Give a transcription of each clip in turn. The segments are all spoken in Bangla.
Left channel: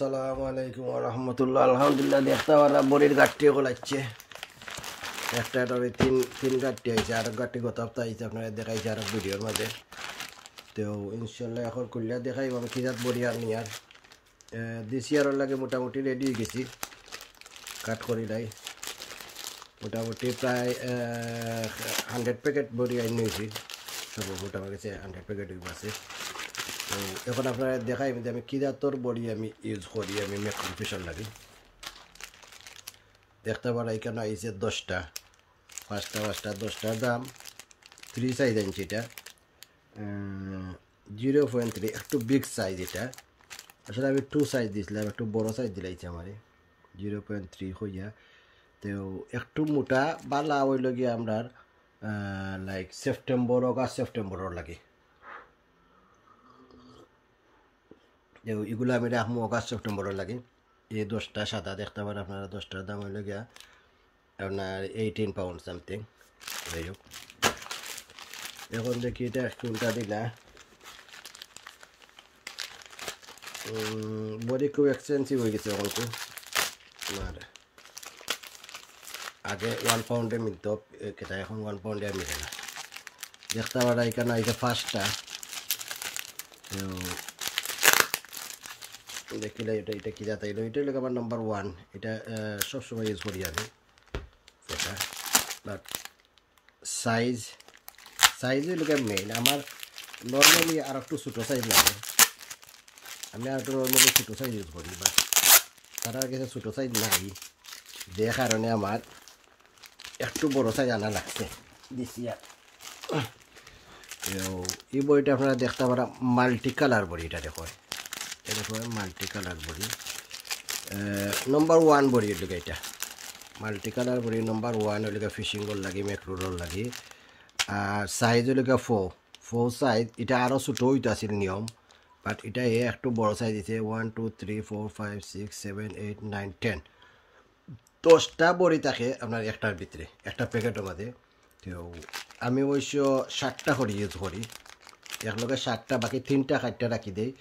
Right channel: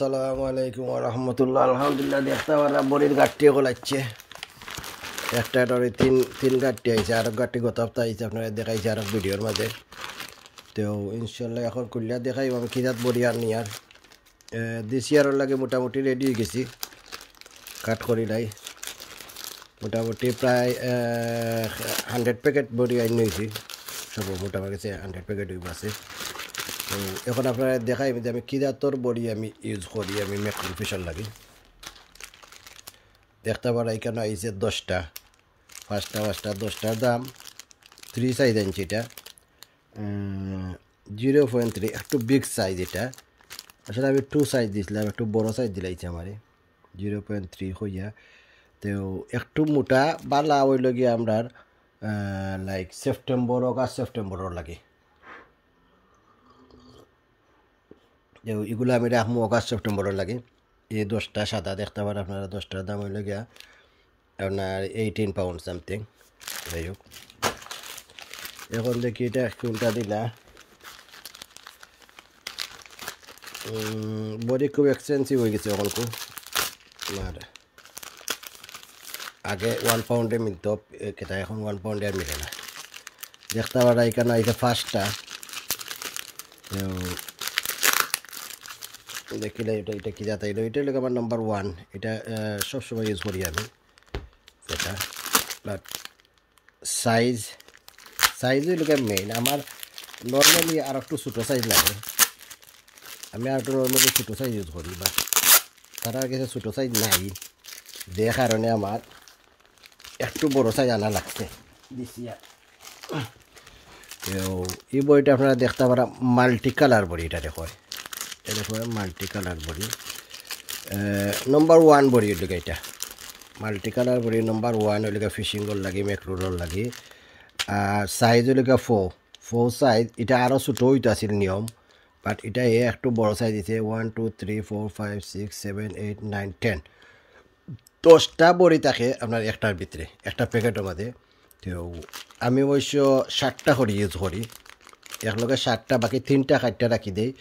আসসালামু আলাইকুম ওয়া রাহমাতুল্লাহ। আলহামদুলিল্লাহ দেখতে পারা বড়ির গাঠটি গলাচ্ছে একটা ডরে তিন গাঠটি আইছে আর গাঠটি গত সপ্তাহ আইছে আপনারা দেখাইছে আর ভিডিওর মধ্যে। তো ইনশাল্লাহ এখন খুললে দেখাই আমি কিরাত বড়ি আর নিয়ার দিস ইয়ারের লাগে মোটামুটি রেডি হয়ে গেছি কাট করি নাই মোটামুটি প্রায় 100 প্যাকেট বড়ি আইন হয়েছি সব মোটামুটি 100 প্যাকেট হইব আছে। তো এখন আপনারা দেখাই যে আমি কিরাতর বড়ি আমি ইউজ করি আমি মেট্রো ফিশার লাগে দেখতে পারা এখানে আইছে 10টা 10টার দাম 3 সাইজ আনছি এটা 0.3 একটু বিগ সাইজ এটা আসলে আমি 2 সাইজ দিয়েছিলাম একটু বড় সাইজ দিলাইছে আমার 0.3 হইয়া। তো একটু মোটা বালা হইল গিয়ে আমরা লাইক অগাস্ট সেপ্টেম্বর লাগে এগুলো আমি রাখবো অগাস্ট সেপ্টেম্বরের লাগে। এই 10টা সাদা দেখতে পারেন আপনারা 10টার দাম হইল গিয়া আপনার 18 পাউন্ড সামথিং। যাই হোক এখন দেখি এটা কোনটা দিলা বডি খুব এক্সপেন্সিভ হয়ে গেছে এখন তো আগে 1 পাউন্ডে মিলত কেটা এখন 1 পাউন্ডে আর মিলে না দেখতে পারা এখানে আইছে ফার্স্টটা দেখিলে এটা কি যাতে এটা লোক আমার নাম্বার 1 এটা সবসময় ইউজ করি আমি এটা বাট সাইজই লোক মেইন আমার নর্মালি আর একটু ছোটো সাইজ লাগে আমি আর একটু নর্মালি ছোটো সাইজ ইউজ করি বাট তারা কাছে ছোটো সাইজ নাই যে কারণে আমার একটু বড় সাইজ আনা লাগছে দিছি। এই বইটা আপনারা দেখতে পারা মাল্টি কালার বড়ি এটা দেখো মাল্টি কালার বড়ি নম্বর 1 বড়ি এর এটা মাল্টি কালার বড়ি নম্বর 1 এর ফিশিংর লাগে ম্যাক্রোর লাগে আর সাইজ হল 4 সাইজ এটা আরও ছোটো হইতে আসিল নিয়ম বাট এটা একটু বড় সাইজ দিছে 1 2 3 4 5 6 7 8 9 10 10টা বড়ি থাকে আপনার একটার ভিতরে একটা প্যাকেটের মধ্যে। তো আমি অবশ্য 60টা করে ইউজ করি একলগে 60টা বাকি 3টা কাটটা রাখি দেই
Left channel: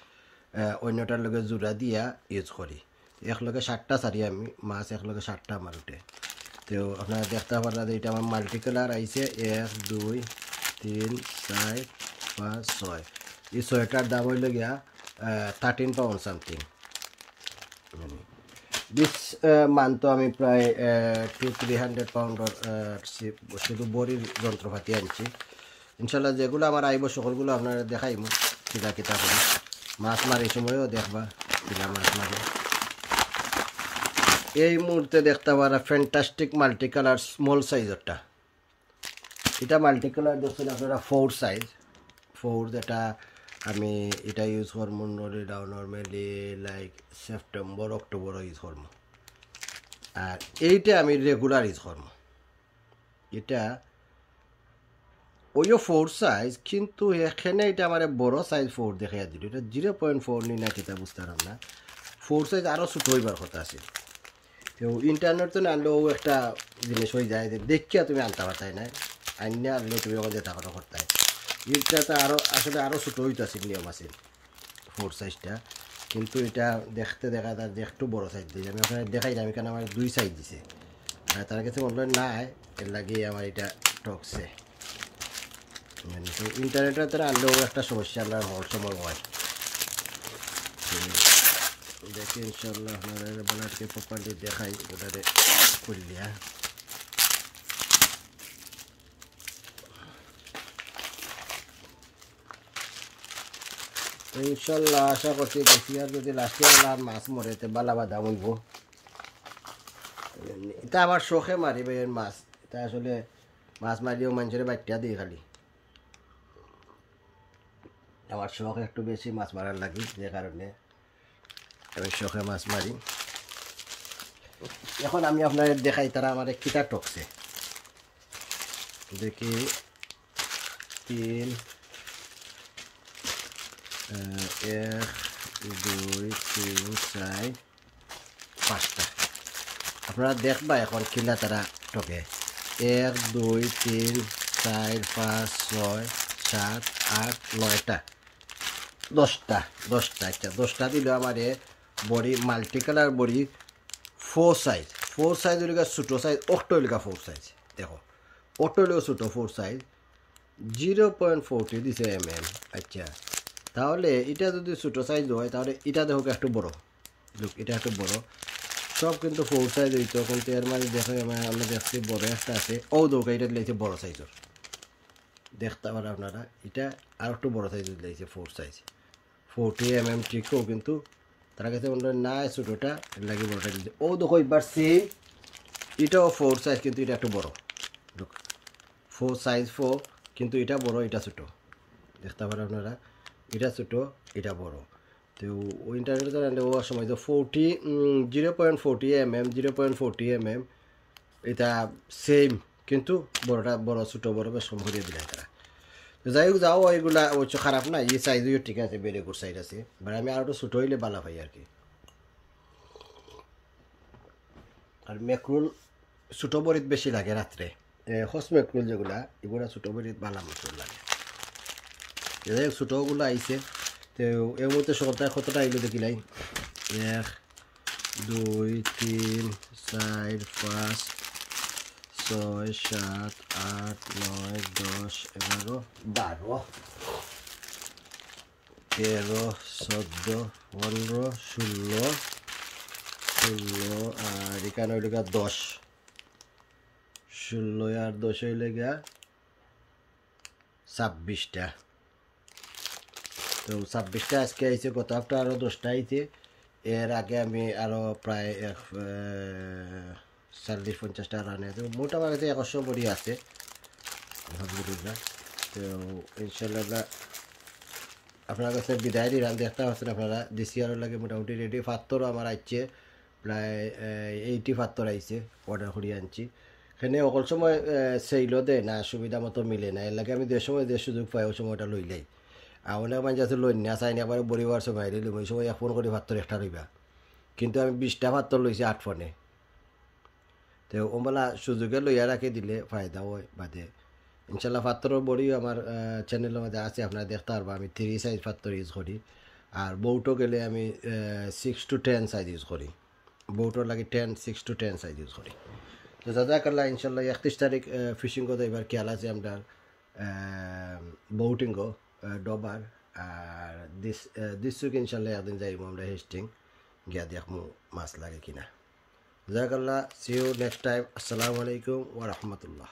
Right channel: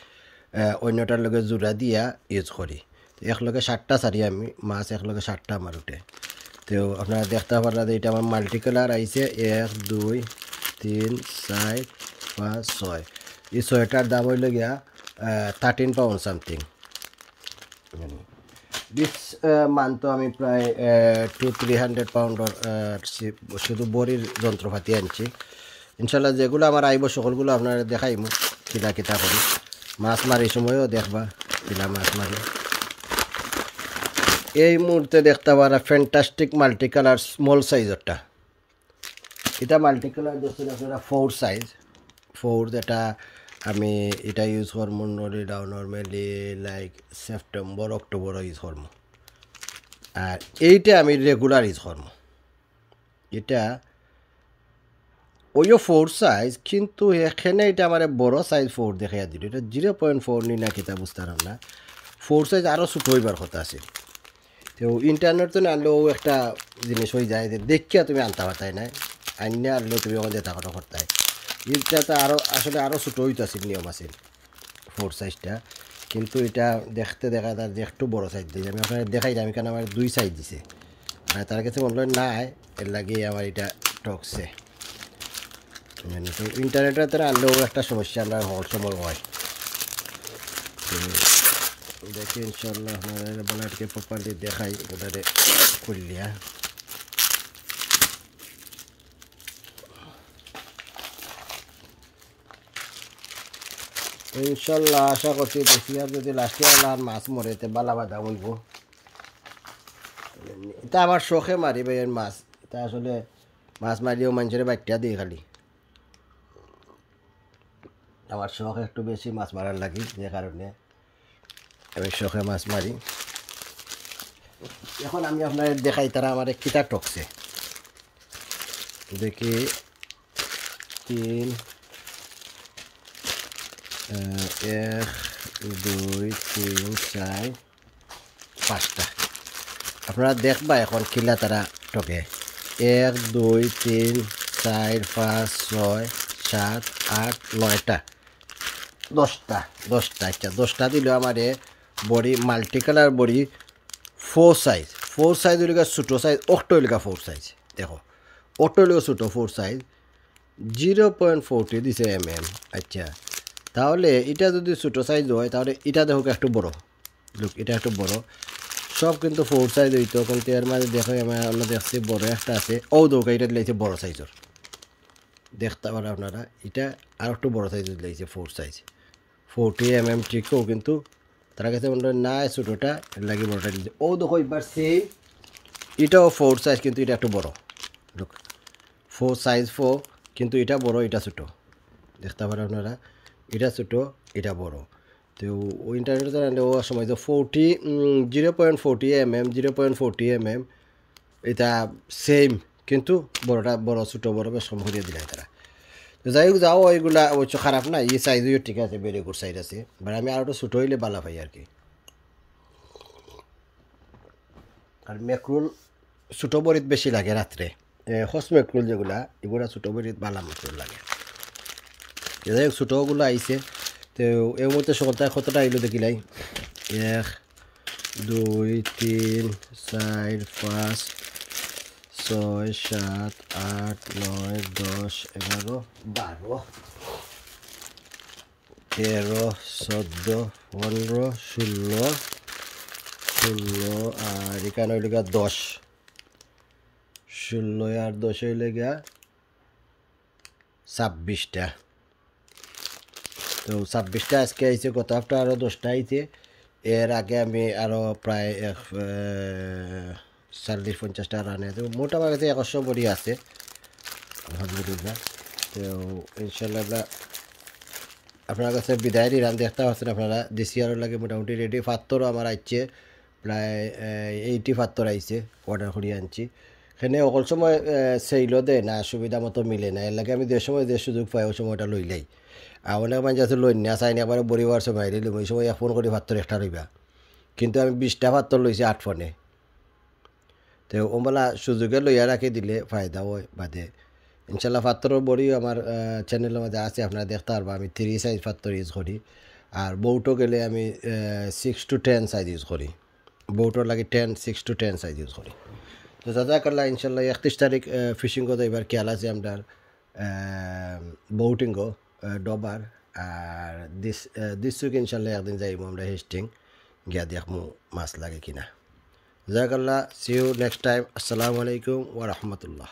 অন্যটার লগে জোড়া দিয়া ইউজ করি একলগে 60টা সারি আমি মাছ একলগে 60টা আমার উঠে। তো আপনারা দেখতে পারলেন এটা আমার মাল্টি কালার আইছে 1 2 3 4 5 6 এই 6টার দাম হইল গিয়া 13 পাউন্ড সামথিং। দিস মান্থ আমি প্রায় 200-300 পাউন্ডর শুধু বড়ির যন্ত্রপাতি আনছি ইনশাল্লাহ যেগুলো আমার আইব সকলগুলো আপনারা দেখাইমু কিলা কিতা করি মাছ মার এই সময়ও দেখবা কিলা মাছ মারি। এই মুহূর্তে দেখতে পারা ফ্যান্টাস্টিক মাল্টি কালার স্মল সাইজরটা এটা মাল্টি কালার দেখছেন আপনারা 4 সাইজ 4 যেটা আমি এটা ইউজ করবো normally like September October use করবো আর এইটা আমি রেগুলার ইউজ করবো এটা ওইও 4 সাইজ কিন্তু এখানে এটা আমার বড় সাইজ 4 দেখাইয়া দিল এটা 0.4 নি না কিতা বুঝতে পারেন না 4 সাইজ আরও ছোটো হইবার কথা আছে। তো ইন্টারনেট তো আনলেও একটা জিনিস হয়ে যায় যে দেখিয়া তুমি আনতে পারতাই না আইনে আনলেও তুমি আমাদের দেখা কথা করতে এটাতে আরও আসলে আরও ছোটো হইতে আছে নিয়ম আছে 4 সাইজটা কিন্তু এটা দেখতে দেখা যায় যে একটু বড়ো সাইজ দিয়েছে আমি আপনার দেখাই আমি কেন আমার 2 সাইজ দিছে আর তার কাছে অনলাইন নাই এর লাগিয়ে আমার এটা টকছে ইন্টারনেটের তারা আনলেও একটা সমস্যা আমরা হওয়ার সময় হয় দেখি ইনশাল্লাহ আপনাদেরকে প্রপারলি দেখাই ওটাতে খুললিয়া ইনশাল্লাহ আশা করছি দেখি আর যদি লাস্টে আর মাছ মরে তো বালা বাধা বলব এটা আমার শখে মারি ভাই মাছ এটা আসলে মাছ মারিও মানুষের বাচ্চা দিই খালি আমার শখ একটু বেশি মাছ মারার লাগি যে কারণে আমি শখে মাছ মারি। এখন আমি আপনার দেখাই তারা আমার কিতা টকছে দেখি 3 1 2 3 4 5টা আপনারা দেখবা এখন কিলা তারা টকে 1 2 3 4 5 6 7 8 9টা 10টা আচ্ছা 10টা দিল আমারে বড়ি মাল্টি কালার বড়ি 4 সাইজ হইলে ছোটো সাইজ অটো হইলে 4 সাইজ দেখো অটো হইলে ছোটো 4 সাইজ 0.40 দিছে আচ্ছা তাহলে এটা যদি ছোটো সাইজ হয় তাহলে এটা দেখো একটু বড় লুক এটা একটু বড় সব কিন্তু 4 সাইজ হইতো কিন্তু এর মাঝে দেখো আমরা দেখছি বড় একটা আছে দৌকা এটা দিয়েছে বড় সাইজের দেখতে পারেন আপনারা এটা আর একটু বড় সাইজ দিয়েছে 4 সাইজ 40 ঠিকও কিন্তু তার কাছে মনে হয় না ছোটোটা লাগে বড়টা দিয়েছে দেখো এবার সেম এটাও 4 সাইজ কিন্তু এটা একটু বড় লুক 4 সাইজ 4 কিন্তু এটা বড় এটা ছোটো দেখতে পারেন আপনারা এটা ছোটো এটা বড় তো ওই ইন্টারনেট ও সময় তো 0.40 এটা সেম কিন্তু বড়টা বড় ছোটো বড় বেশ কম করে দিলে তারা তো যাই হোক যাও ওইগুলা অবশ্য খারাপ না এই সাইজও ঠিক আছে ভেরি গুড সাইজ আছে বাট আমি আরও ছোটো হইলে ভালো পাই আর কি আর মেকরুল ছোটো বড়িত বেশি লাগে রাত্রে হস মেকরুল যেগুলা এগুলা ছোটো বড়িত ভালো মেকরুল লাগে যাই হোক ছোটোগুলো আইছে তো এর মধ্যে সপ্তাহে কতটা আইলো দেখিলাই 1 2 3 4 5 6 7 8 9 10 11 12 13 14 15 16 আর এখানে হইলে 10 16 আর 10 হইলে 26টা তো 26টা আজকে আইছে গত হপ্তাহ আরও 10টা আইছে এর আগে আমি আরও প্রায় 40-50টা রানে তো মোটামুটি 100 বড়ি আছে আলহামদুলিল্লাহ তো ইনশাল্লাহ আপনার কাছে বিদায় রান দেখতে পাচ্ছেন আপনারা দেশি আরও লাগে মোটামুটি রেডি পাত্তরও আমার আইছে প্রায় 80 পাত্তর আইছে অর্ডার করিয়ে আনছি এখানে অকল সময় সেইলও দেয় না সুবিধা মতো মিলে না এর লাগে আমি যে সময় যে সুযোগ পাই ওই সময়টা লইলেই আর অনেক মানুষ আছে লই না চাই না একবারে বড়িবার সময় লইম ওই সময় ফোন করে পাত্তর একটা লইবা কিন্তু আমি 20টা পাত্তর লইছি 8 ফোনে তো ওমলা সুযোগে লইয়া রাখি দিলে ফায়দা হয় বাদে ইনশাল্লাহ পাত্তরের বড়িও আমার চ্যানেলের মধ্যে আছে আপনারা দেখতে পারবো আমি 3 সাইজ পাত্তর ইউজ করি আর বউটো গেলে আমি 6 to 10 সাইজ ইউজ করি বউটোর লাগে 6 to 10 সাইজ ইউজ করি তো জাজাকাল্লাহ ইনশাল্লাহ 31 তারিখ ফিশিং করতে এবার খেয়াল আছে আমরা বউটিংও ডবার আর দিস উইক ইনশাল্লাহ একদিন যাইব আমরা হেস্টিং গিয়া দেখমু মাছ লাগে কিনা জাজাকাল্লাহ সি ইউ নেক্সট টাইম আসসালামু আলাইকুম ওয়া রাহমাতুল্লাহ